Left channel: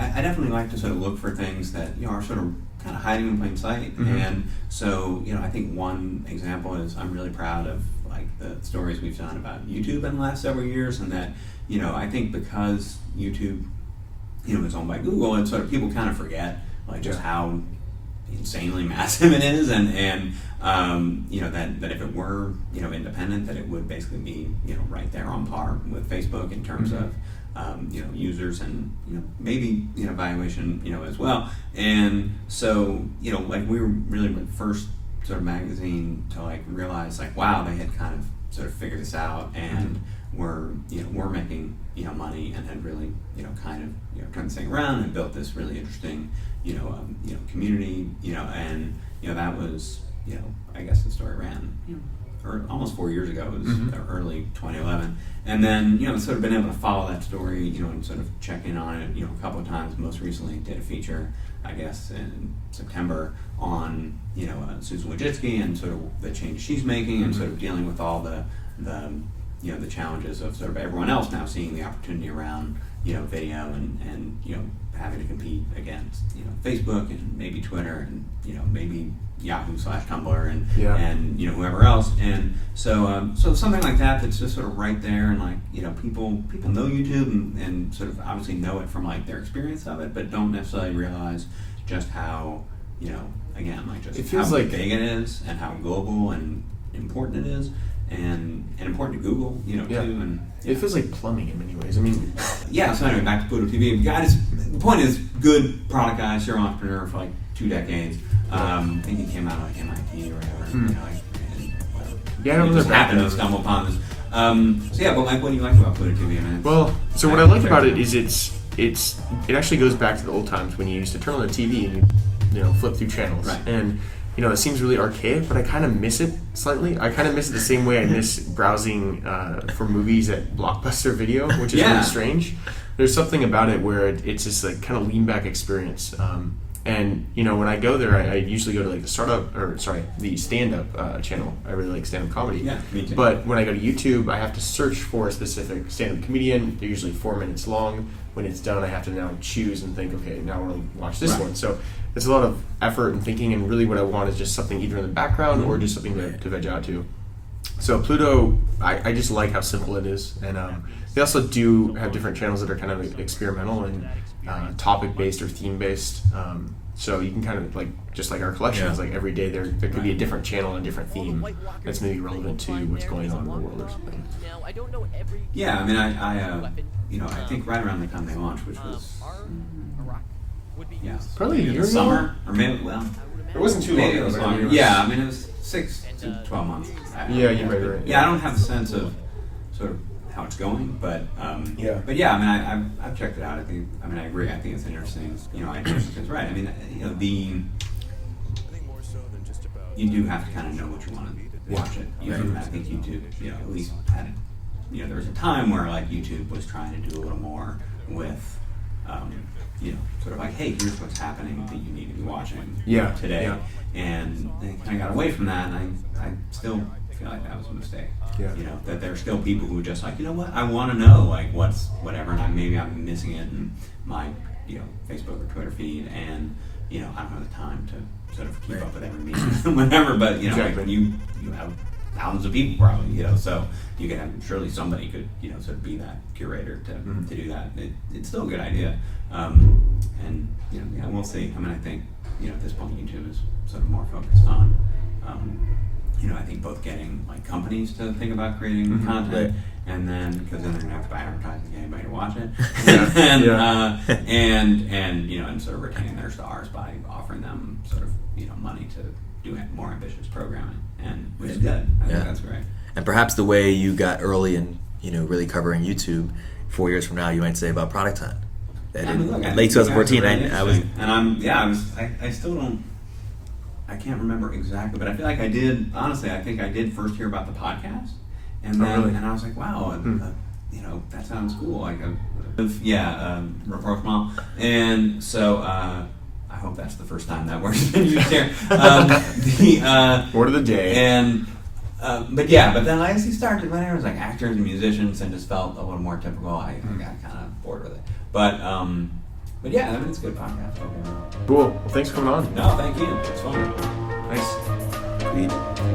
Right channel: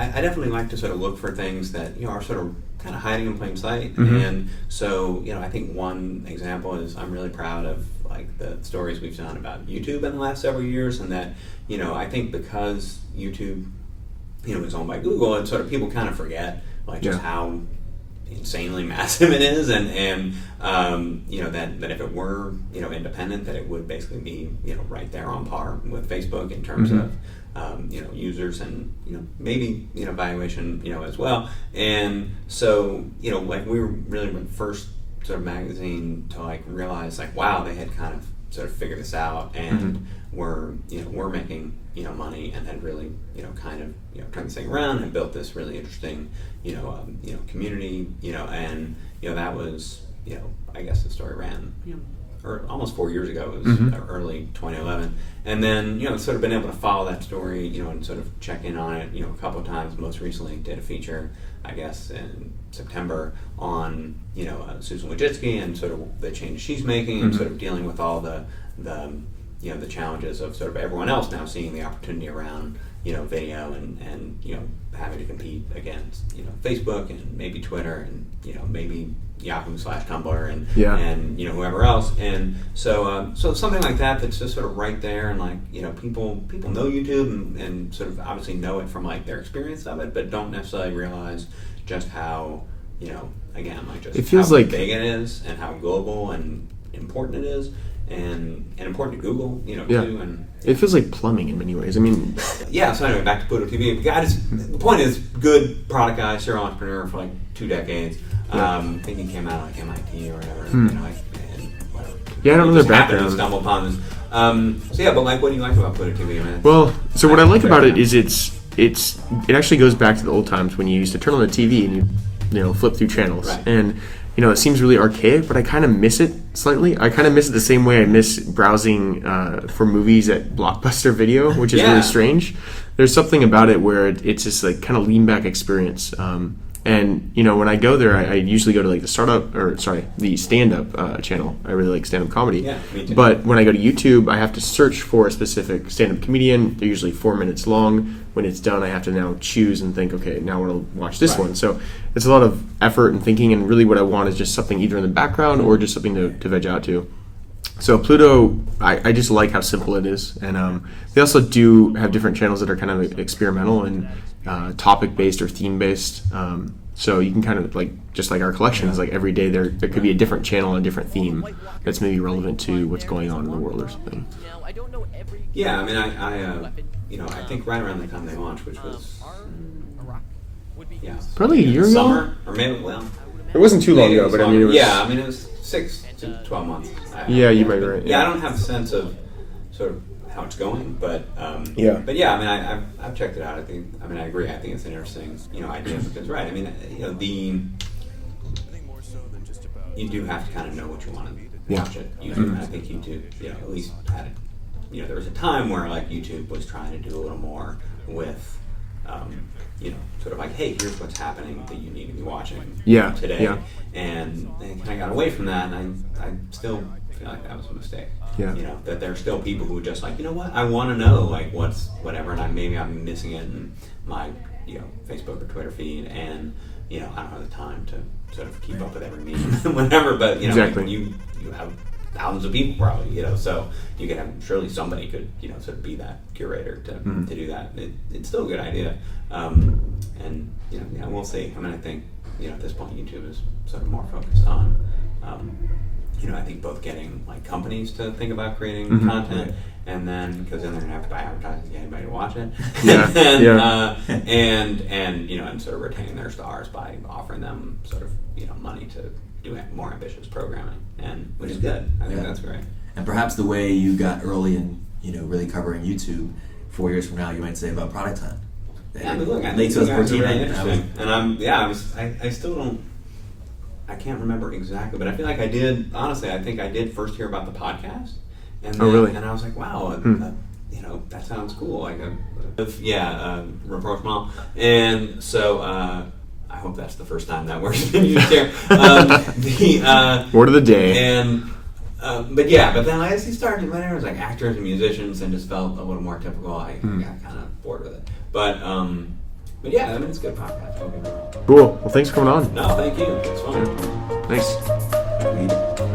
I definitely like to sort of look for things that are sort of kind of hiding in plain sight. And so I think one example is I'm really proud of like the stories we've done about YouTube in the last several years, and that I think because YouTube is owned by Google, and sort of people kind of forget like just how insanely massive it is, and that if it were independent, that it would basically be right there on par with Facebook in terms of users and maybe valuation as well. And so like we were really the first sort of magazine to like realize like, wow, they had kind of sort of figured this out, and we're making money, and had really kind of turned this thing around and built this really interesting community, and that was I guess the story ran or almost 4 years ago. It was early 2011, and then sort of been able to follow that story and sort of check in on it a couple of times. Most recently did a feature, I guess in September, on Susan Wojcicki and sort of the changes she's making, and sort of dealing with all the challenges of sort of everyone else now seeing the opportunity around video, and having to compete against Facebook and maybe Twitter and maybe Yahoo/Tumblr and whoever else. And so something like that's just sort of right there, and like people know YouTube and sort of obviously know it from like their experience of it, but don't necessarily realize just how again like just it feels how like big it is, and how global and important it is, and important to Google too. And it feels like plumbing in many ways. I mean, so anyway, back to Pluto TV. The point is, good product guy, serial entrepreneur for like 2 decades. I think he came out of like MIT or whatever. I don't know their background. Stumble upon this. But like, what do you like about Pluto TV? Man? Well, so what I like about it is it actually goes back to the old times when you used to turn on the TV and you flip through channels, right. And it seems really archaic, but I kind of miss it slightly. I kind of miss it the same way I miss browsing for movies at Blockbuster Video, which is really strange. There's something about it where it's just like kind of lean back experience. And when I go there, I usually go to like the stand-up channel. I really like stand-up comedy. Yeah, me too. But when I go to YouTube, I have to search for a specific stand-up comedian. They're usually 4 minutes long. When it's done, I have to now choose and think, okay, now I want to watch this one. So it's a lot of effort and thinking, and really what I want is just something either in the background or just something to veg out to. So Pluto, I just like how simple it is. And they also do have different channels that are kind of experimental and topic-based or theme-based. So you can kind of like, just like our collections, like every day there could be a different channel, a different theme that's maybe relevant to what's going on in the world or something. Yeah, I mean, I think right around the time they launched, which was probably a year ago. Summer, or maybe it wasn't too long ago, but I mean, it was 6 to 12 months. Yeah, you might be right. Yeah, I don't have a sense of sort of how it's going, but I mean, I've checked it out. I agree. I think it's an interesting idea, because right. I mean, you do have to kind of know what you want to watch it. I think YouTube, at least had it. There was a time where like YouTube was trying to do a little more with, sort of like, hey, here's what's happening that you need to be watching today. Yeah. And they kind of got away from that, and I still feel like that was a mistake. Yeah. That there are still people who are just like, what, I want to know like what's whatever, and I'm missing it in my Facebook or Twitter feed, and I don't have the time to sort of keep up with every meme, whatever. But exactly. like, you have thousands of people probably, so you could have, surely somebody could sort of be that curator to do that. It's still a good idea, and we'll see. I mean, I think at this point YouTube is sort of more focused on I think both getting like companies to think about creating content, and then because then they're gonna have to buy advertising to get anybody to watch it, and sort of retaining their stars by offering them sort of money to do more ambitious programming, and which is good. I think that's great. And perhaps the way you got early in really covering YouTube, 4 years from now you might say about Product Hunt. Yeah, I mean, look, late 2014, I still don't. I can't remember exactly, but I feel like I did. Honestly, I think I did first hear about the podcast, and then, really? And I was like, wow, that sounds cool. Like, rapprochement, and so I hope that's the first time that word's been used there. Word of the day. And but then as he started, when everyone's like actors and musicians, and just felt a little more typical, I got kind of bored with it. But But yeah, I mean, it's a good podcast. Don't get me wrong. Cool. Well, thanks for coming on. No, thank you. It's fun. Thanks. We